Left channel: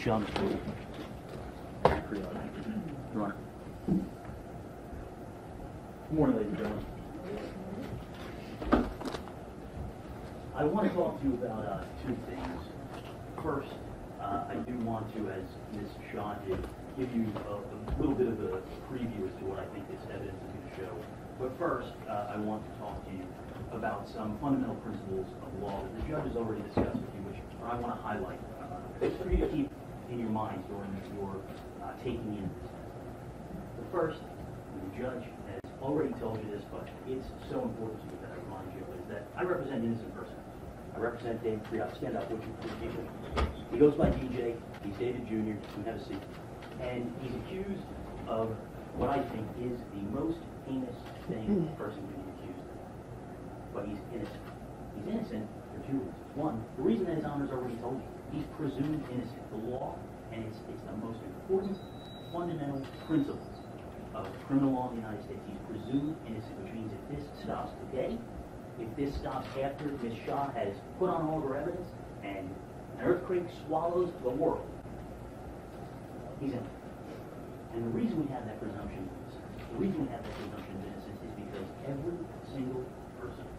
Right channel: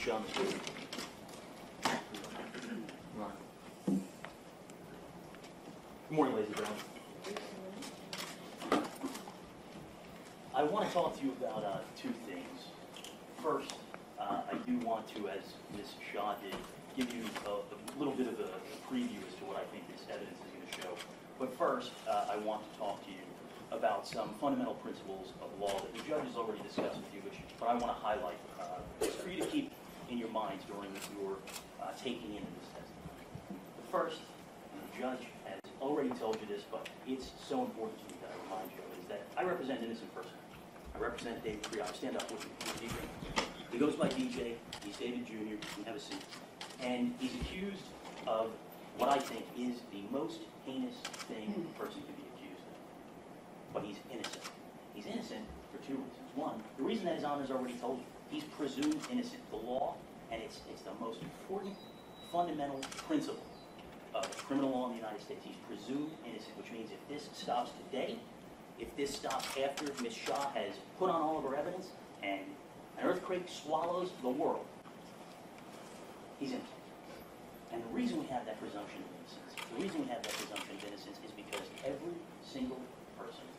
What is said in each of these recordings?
Sean. Your Honor. Good morning, ladies and gentlemen. I want to talk to you about two things. First, I do want to, as Ms. Shaw did, give you a little bit of a preview as to what I think this evidence is going to show. But first, I want to talk to you about some fundamental principles of law that the judge has already discussed with you, which I want to highlight just for you to keep in your minds during your taking in this testimony. The first, and the judge has already told you this, but it's so important to you that I remind you, is that I represent an innocent person. I represent David Creato. Stand up, would you please, DJ? He goes by DJ. He's David Jr. You can have a seat. And he's accused of what I think is the most heinous thing a person can be accused of. But he's innocent. He's innocent for two reasons. One, the reason that his Honor's already told you, he's presumed innocent. The law, and it's the most important fundamental principle of criminal law in the United States. He's presumed innocent, which means if this stops today, if this stops after Ms. Shaw has put on all of her evidence and an earthquake swallows the world, he's innocent. And the reason we have that presumption of innocence, is because every single person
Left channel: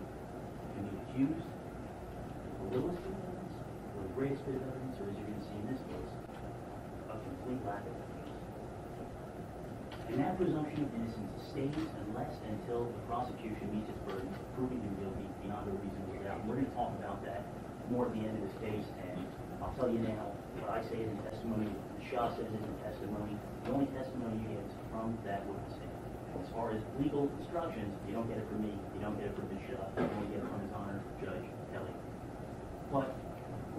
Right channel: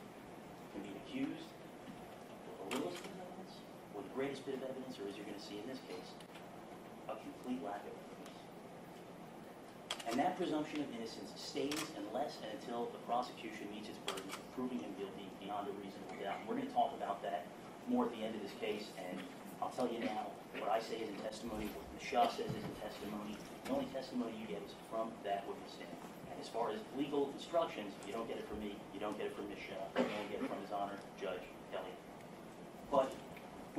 can be accused of the littlest bit of evidence, or the greatest bit of evidence, or as you're going to see in this case, a complete lack of evidence. And that presumption of innocence stays unless and until the prosecution meets its burden of proving him guilty beyond a reasonable doubt. And we're going to talk about that more at the end of this case. And I'll tell you now, what I say is in testimony, the Shaw says is in testimony. The only testimony you get is from that witness stand. As far as legal instructions, you don't get it from me, you don't get it from Ms. Shaw, you only get it from His Honor, Judge Kelly. But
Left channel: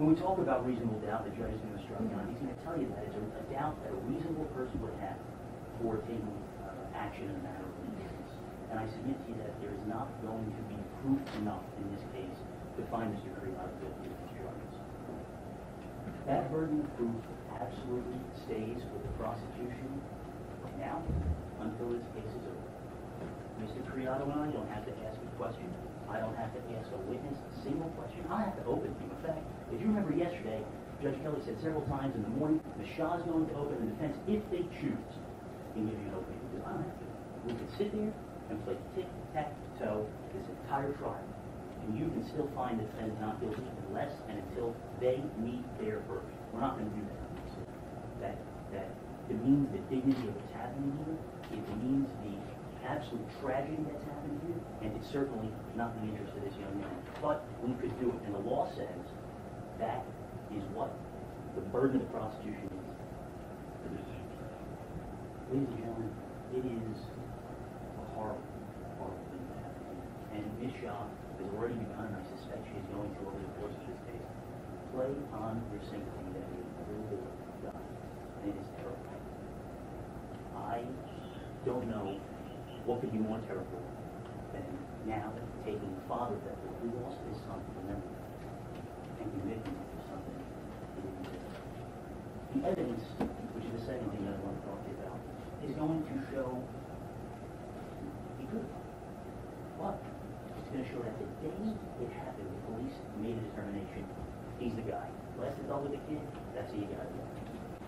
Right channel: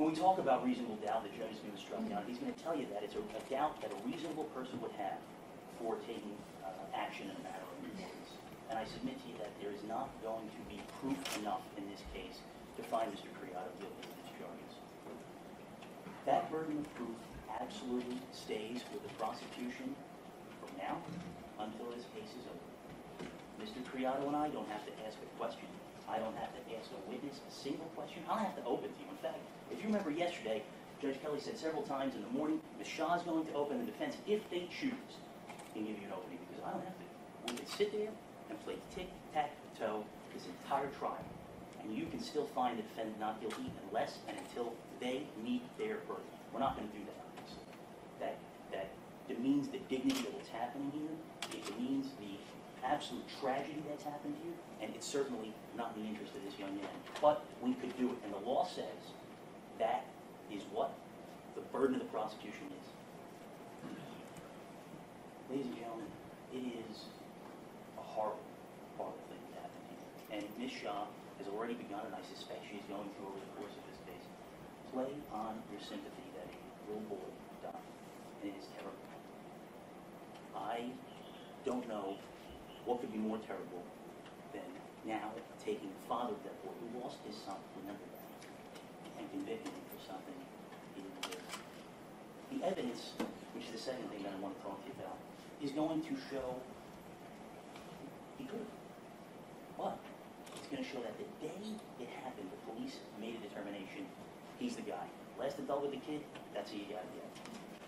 when we talk about reasonable doubt, the judge is going to instruct on, he's going to tell you that it's a doubt that a reasonable person would have for taking action in a matter of instance. And I submit to you that there is not going to be proof enough in this case to find Mr. Creato guilty of his charges. That burden of proof absolutely stays with the prosecution from now until this case is over. Mr. Creato and I don't have to ask a question. I don't have to ask a witness a single question. I don't have to open to you. In fact, if you remember yesterday, Judge Kelly said several times in the morning, Ms. Shaw is going to open the defense if they choose. He can give you an opening because I don't have to. We can sit there and play tic-tac-toe this entire trial, and you can still find the defendant not guilty unless and until they meet their burden. We're not going to do that, obviously. That demeans the dignity of what's happening here. It means the absolute tragedy that's happened here, and it's certainly not in the interest of this young man. But we could do it, and the law says that is what the burden of the prosecution is. Ladies and gentlemen, it is a horrible, horrible thing to happen here. And Ms. Shaw has already begun, and I suspect she is going through over the course of this case, play on your sympathy that a little boy died. And it is terrible. I don't know what could be more terrible than now taking the father of that boy who lost his son, remember, and convicting him for something he didn't do. The evidence, which is the second thing that I want to talk to you about, is going to show he could have. But it's going to show that the day it happened, the police made a determination, he's the guy. Last adult with a kid, that's who you got to get.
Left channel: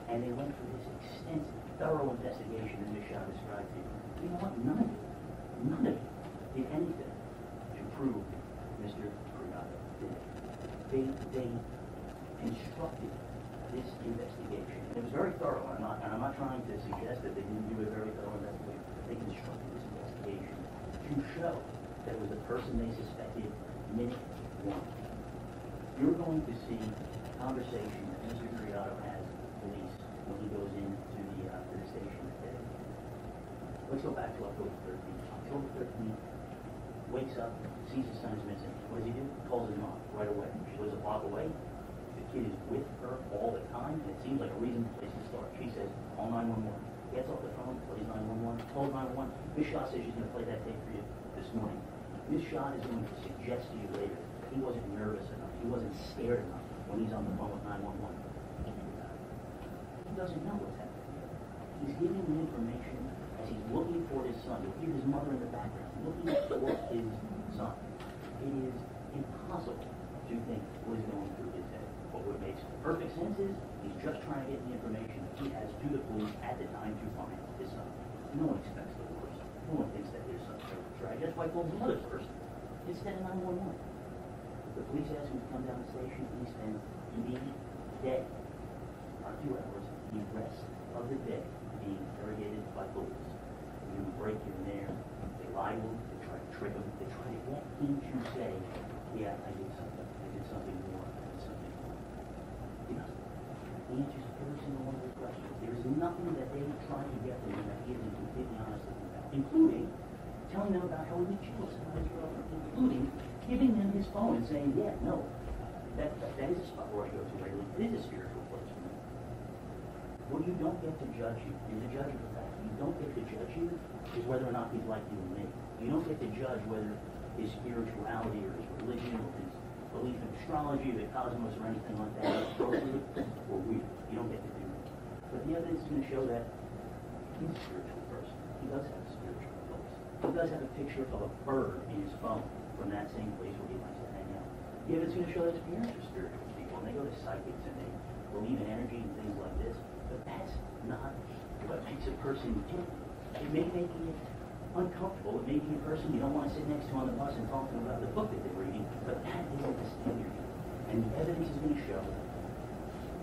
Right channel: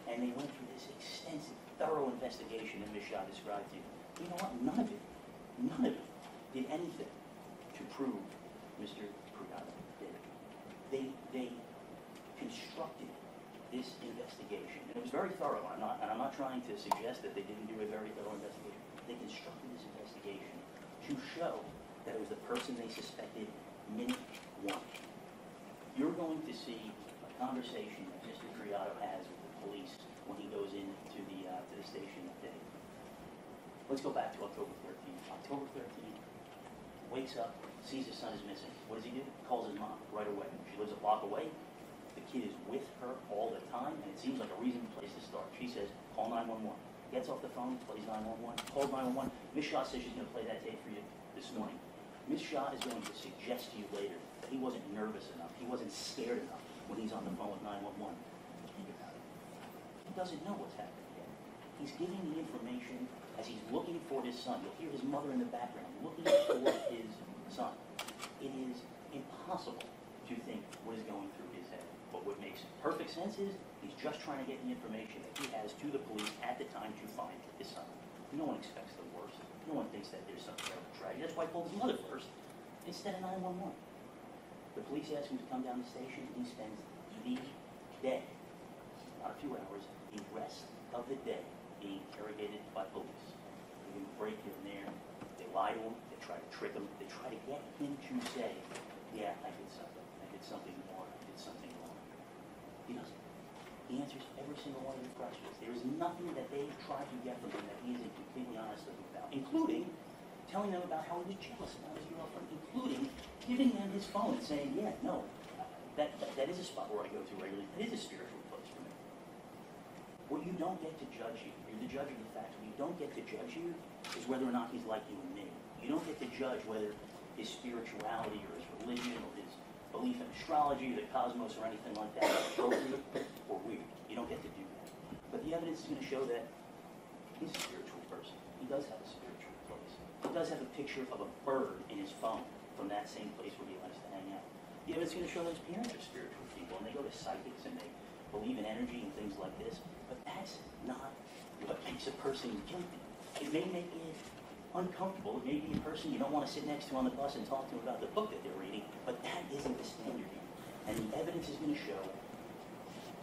And they went through this extensive, thorough investigation that Ms. Shaw described to you. You know what? None of you did anything to prove Mr. Creato did it. They constructed this investigation. And it was very thorough. I'm not trying to suggest that they didn't do a very thorough investigation. They constructed this investigation to show that it was the person they suspected minute one. You're going to see a conversation that Mr. Creato has with police when he goes into the station today. Let's go back to October 13th. October 13th, wakes up, sees his son is missing. What does he do? He calls his mom right away. She lives a block away. The kid is with her all the time. It seems like a reasonable place to start. She says, call 911. Gets off the phone, plays 911, calls 911. Ms. Shaw says she's going to play that tape for you this morning. Ms. Shaw is going to suggest to you later that he wasn't nervous enough. He wasn't scared enough when he's on the phone with 911. He doesn't know what's happening here. He's giving the information as he's looking for his son. You'll hear his mother in the background looking for his son. It is impossible to think what is going through his head, what would make makes perfect sense is he's just trying to get the information that he has to the police at the time to find his son. No one expects the worst. No one thinks that there's some terrible tragedy. That's why he calls his mother first instead of 911. The police ask him to come down the station, and he spends the day, not 2 hours, the rest of the day being interrogated by police. You break in there, they lie to him, they try to trick him, they try to get him to say, yeah, I did something more, I did something more. He doesn't. He answers every single one of the questions. There is nothing that they try to get from him that he isn't completely honest about, including telling them about how he was jealous about his girlfriend, including giving him his phone and saying, yeah, no, that is a spot where I go to regularly. That is a spiritual place for me. What you don't get to judge you, you're the judge of the fact. You don't get to judge you is whether or not he's like you and me. You don't get to judge whether his spirituality or his religion or his belief in astrology or the cosmos or anything like that is appropriate or weird. You don't get to do that. But the evidence is going to show that he's a spiritual person. He does have a spiritual place. He does have a picture of a bird in his phone from that same place where he likes to hang out. The evidence is going to show that his parents are spiritual people, and they go to psychics and they believe in energy and things like this. But that's not what makes a person guilty. It may make you uncomfortable. It may be a person you don't want to sit next to on the bus and talk to them about the book that they're reading, but that isn't the standard. And the evidence is going to show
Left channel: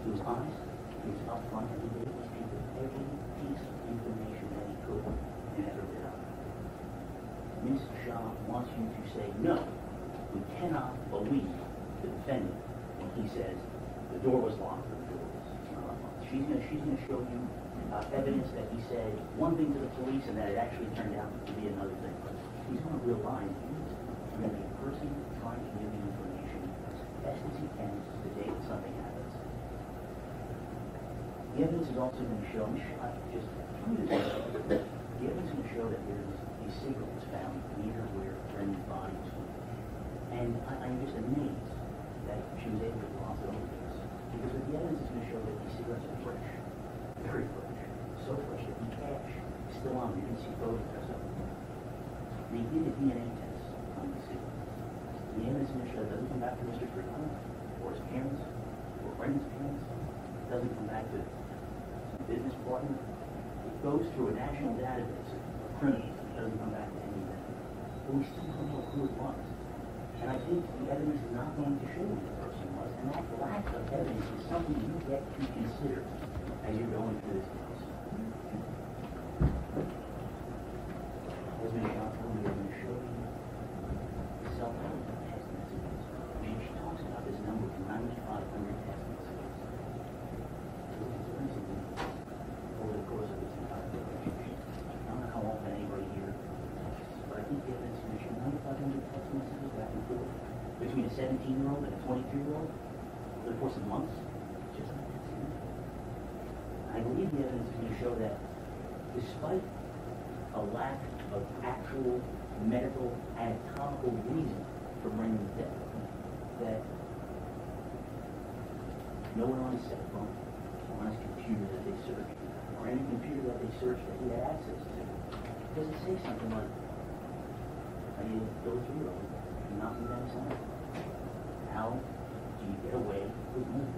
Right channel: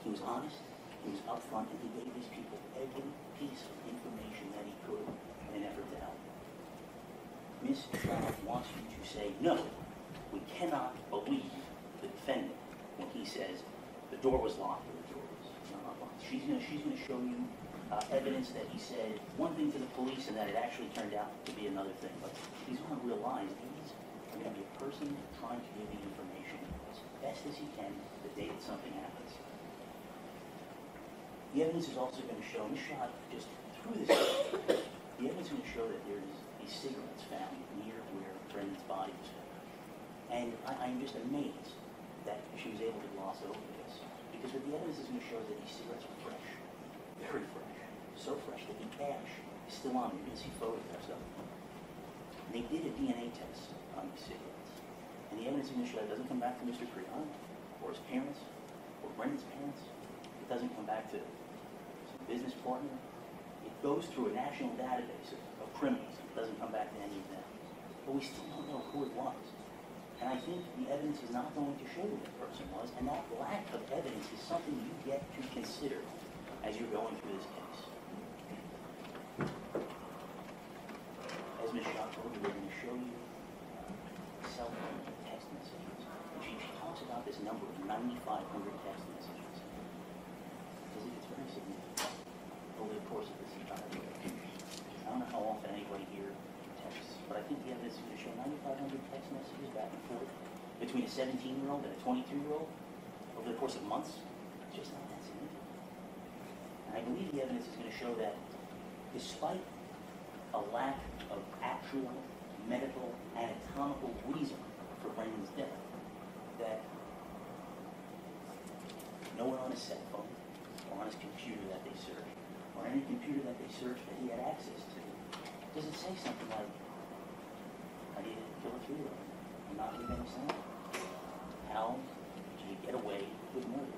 he was honest, he was upfront, and he gave these people every piece of information that he could in an effort to help. Ms. Shaw wants you to say, no, we cannot believe the defendant when he says the door was locked or the door was not locked. She's going to show you evidence that he said one thing to the police and that it actually turned out to be another thing. But he's going to realize that he's going to be a person trying to give you information as best as he can the day that something happens. The evidence is also going to show, and shot just through this, the evidence is going to show that there's these cigarettes found near where Brendan's body was found. And I'm just amazed that she was able to gloss over this. Because the evidence is going to show that these cigarettes were fresh. Very fresh. So fresh that the cash is still on. You can see photographs of it. They did a DNA test on these cigarettes. And the evidence in the show doesn't come back to Mr. Creato, or his parents, or Brendan's parents. It doesn't come back to some business partner. It goes through a national database of criminals. It doesn't come back to any of that. But we still don't know who it was. And I think the evidence is not going to show who the person was. And that lack of evidence is something you get to consider as you're going through this case. As Ms. Shaw, we're going to show you the cell phone text messages. She talks about this number of 9,500 text messages. Because it's very simple. Over the course of this entire case, I don't know how often anybody here texts, but I think the evidence is going to show 9,500 text messages back and forth between a 17-year-old and a 22-year-old over the course of months. It's just not that significant. I believe the evidence is going to show that despite a lack of actual medical anatomical reason for Brendan's death, that no one on his cell phone or on his computer that they searched, or any computer that they searched that he had access to, does it say something like, I needed to kill a 2-year-old, and knock you down. How do you get away with murder?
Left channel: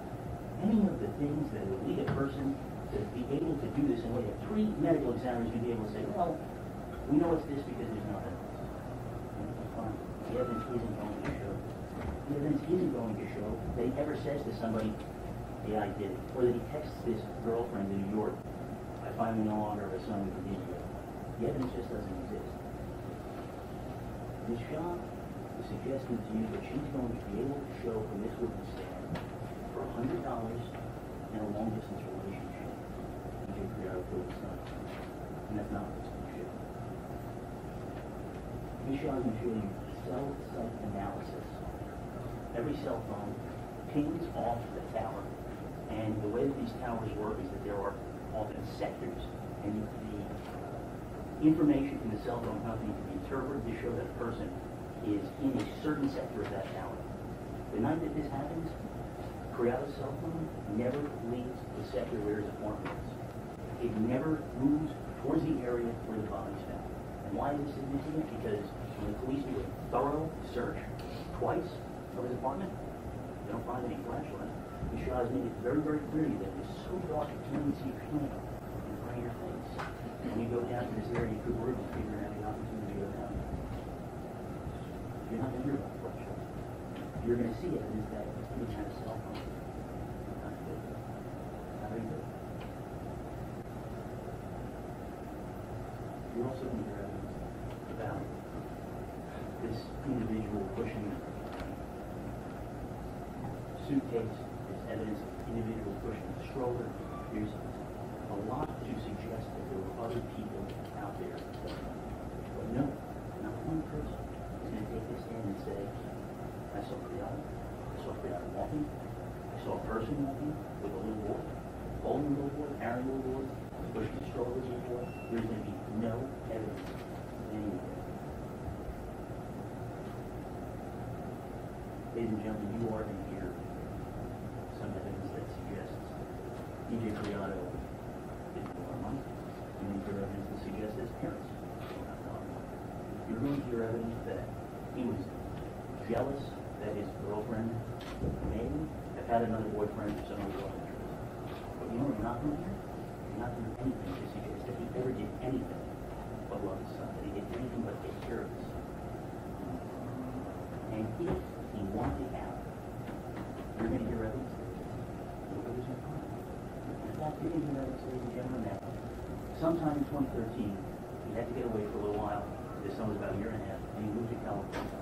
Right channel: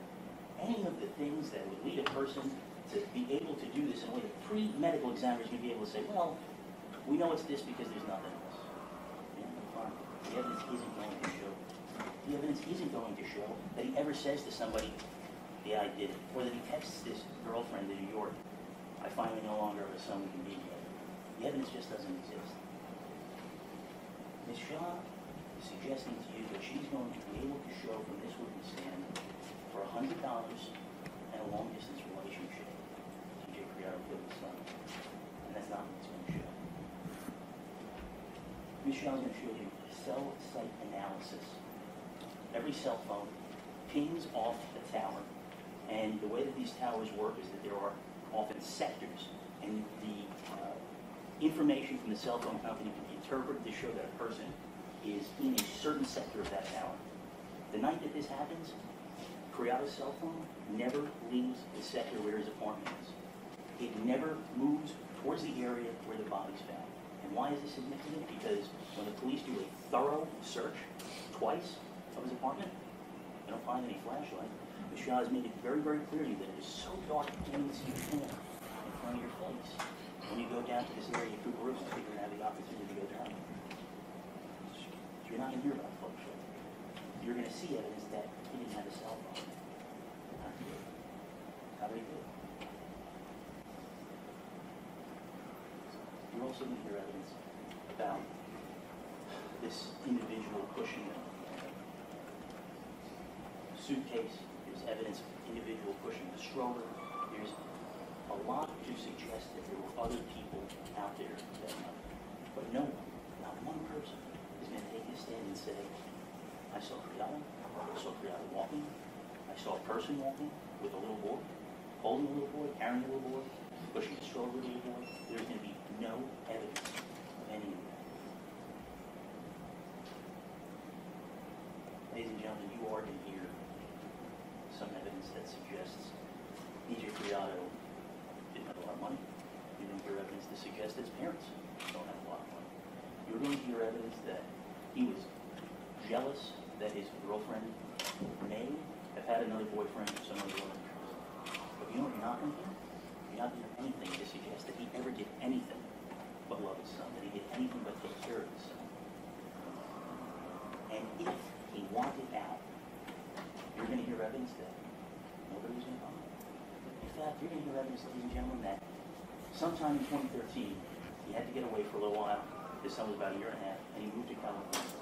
Any of the things that would lead a person to be able to do this in a way that 3 medical examiners can be able to say, well, we know it's this because there's nothing else. Fine. The evidence isn't going to show. The evidence isn't going to show that he ever says to somebody, yeah, I did it. Or that he texts his girlfriend in New York, I finally no longer have a son to be together. The evidence just doesn't exist. Ms. Shaw is suggesting to you that she's going to be able to show from this witness stand for $100 in a long-distance relationship, DJ Creato killed his son. And that's not what it's going to show. Ms. Shaw is going to show you cell site analysis. Every cell phone pings off the tower. And the way that these towers work is that there are often sectors, and the information from the cell phone company can be interpreted to show that a person is in a certain sector of that tower. The night that this happens, Creato's cell phone never leaves the sector where his apartment is. It never moves towards the area where the body's found. And why is this significant? Because when the police do a thorough search twice of his apartment, they don't find any flashlight. Michelle has made it very, very clear to you that it is so dark you can't even see your hand in front of your face. When you go down to this area, good words, you're going to have the opportunity to go down. You're not going to hear about it. You're going to see evidence that you didn't have a cell phone. How do you do it? You're also going to hear evidence about this individual pushing suitcase. There's evidence of individual pushing a stroller. There's a lot to suggest that there were other people out there. But no, not one person is going to take this stand and say, I saw Creato. I saw Creato walking. I saw a person walking with a little boy, holding a little boy, carrying a little boy, pushing a stroller with a little boy. There's going to be no evidence anywhere. Ladies and gentlemen, you are going to hear some evidence that suggests DJ Creato didn't have a lot of money. You're going to hear evidence that suggests that his parents don't have a lot of money. You're going to hear evidence that he was jealous that his girlfriend may have had another boyfriend or some other boyfriend. But you know what you're not going to hear? You're not going to hear anything to suggest that he ever did anything but love his son, that he did anything but take care of his son. And if he wanted out, you're going to hear evidence that nobody was going to harm him. In fact, you're going to hear evidence, ladies and gentlemen, that sometime in 2013, he had to get away for a little while. His son was about a year and a half, and he moved to California.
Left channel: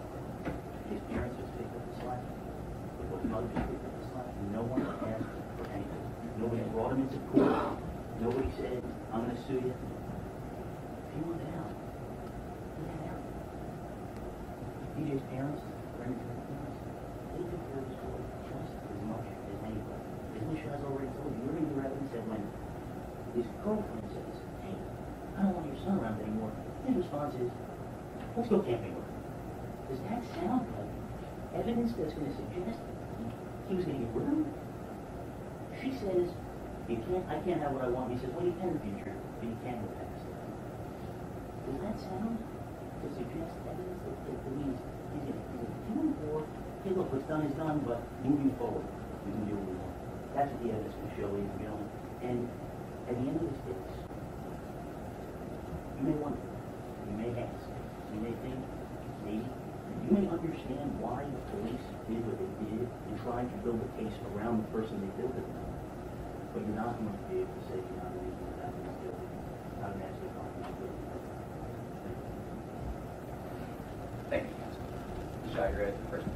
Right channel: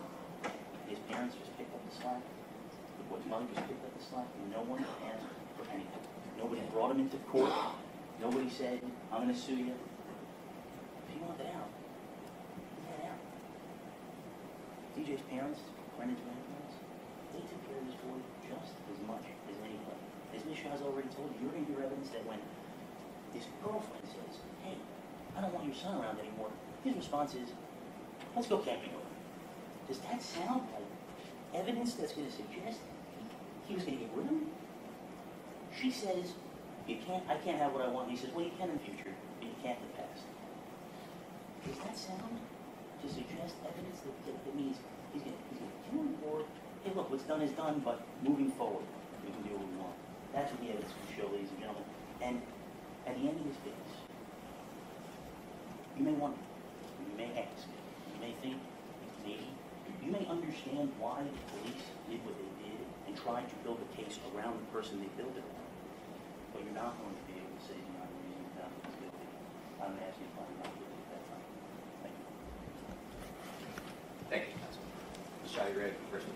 His parents just picked up the slack. His mother just picked up the slack. No one asked for anything. Nobody brought him into court. Nobody said, I'm going to sue you. If he wanted out, he wanted out. DJ's parents were into things. They took care of his boy just as much as anybody. As Michelle has already told you, you're going to hear evidence that when his girlfriend says, hey, I don't want your son around anymore, his response is, let's go camping with him. Does that sound like evidence that's going to suggest he was going to get rid of him? She says, I can't have what I want. He says, well, you can in the future, but you can't in the past. Does that sound to suggest evidence that means he's going to do it, or, hey, look, what's done is done, but moving forward, we can do what we want? That's what the evidence will show, ladies and gentlemen. And at the end of this case, you may wonder, you may ask, you may think, maybe, you may understand why the police did what they did in trying to build a case around the person they built it on. But you're not going to be able to say beyond reason that he's guilty. I'm going to ask you to find out guilty. Thank you. Thank you, Counsel. Mr. Shaw, you ready for the first